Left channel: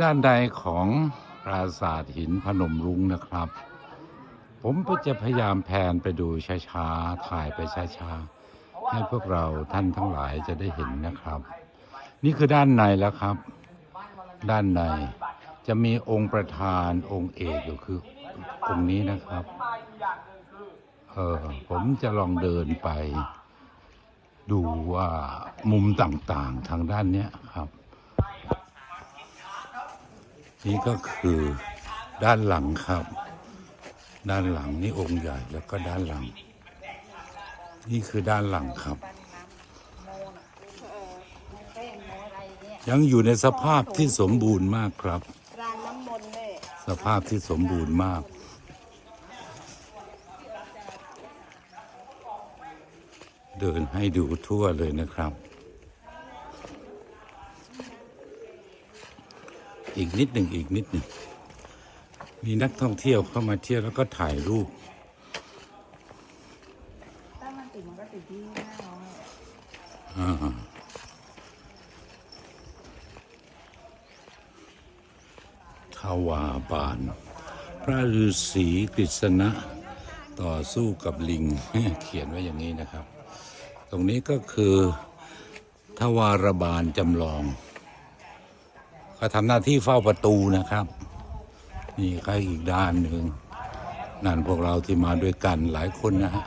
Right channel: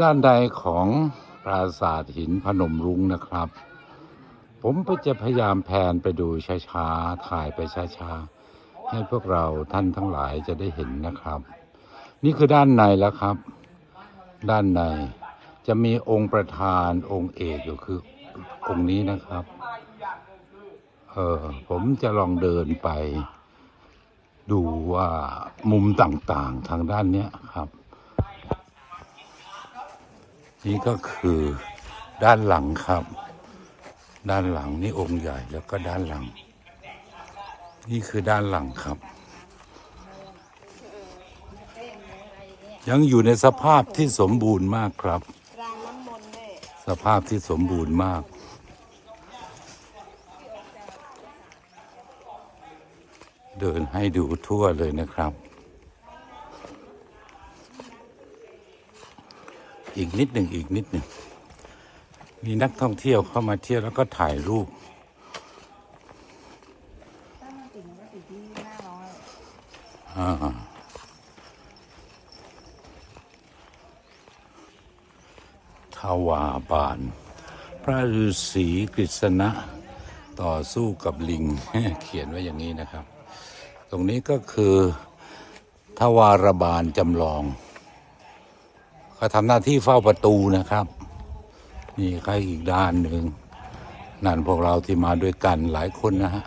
ด้านใดของปราสาทหินพนมรุ้งนะครับ ผมก็จะพยายามแพนไปดูช้าๆ ถ่ายไปช้าๆ ให้พวกเราท่านทั้งหลายจะได้เห็นนะครับ นี่คือด้านในแล้วครับ ด้านในจะมีองค์ประธานองค์เอกอยู่คือองค์นี้นะครับ เออผมจะลองเดินไป ดูว่ามุมต่างๆทางด้านเนี้ยครับ นี่ก็คือด้านหลังครับ ด้านหลังนี่องค์ใหญ่แล้วก็ด้านหลัง นี่คือด้านหลังครับ ยังอยู่ในสภาพที่สมบูรณ์มากครับ สภาพที่สมบูรณ์มากเดินให้ดูทั่วเลยนะครับ อีกนิดหนึ่งอีกนิดหนึ่งมีนักท่องเที่ยวเข้ามาเที่ยวแล้วก็ถ่ายรูปถ้ามันติดมันก็ติดที่หน้าร้อยอ่าทวาบาน พระฤาษีกฤษณะ ต่อสู้กับลิง เขียนไว้อย่างนี้นะครับ ตรงนี้ก็คือทวารบาลจำลอง เขาทำหน้าที่เฝ้าประตูนะครับ นี่ใครอีกด้านหนึ่งนั่นพวกเราที่มาด้วยกันหลายคนนะฮะ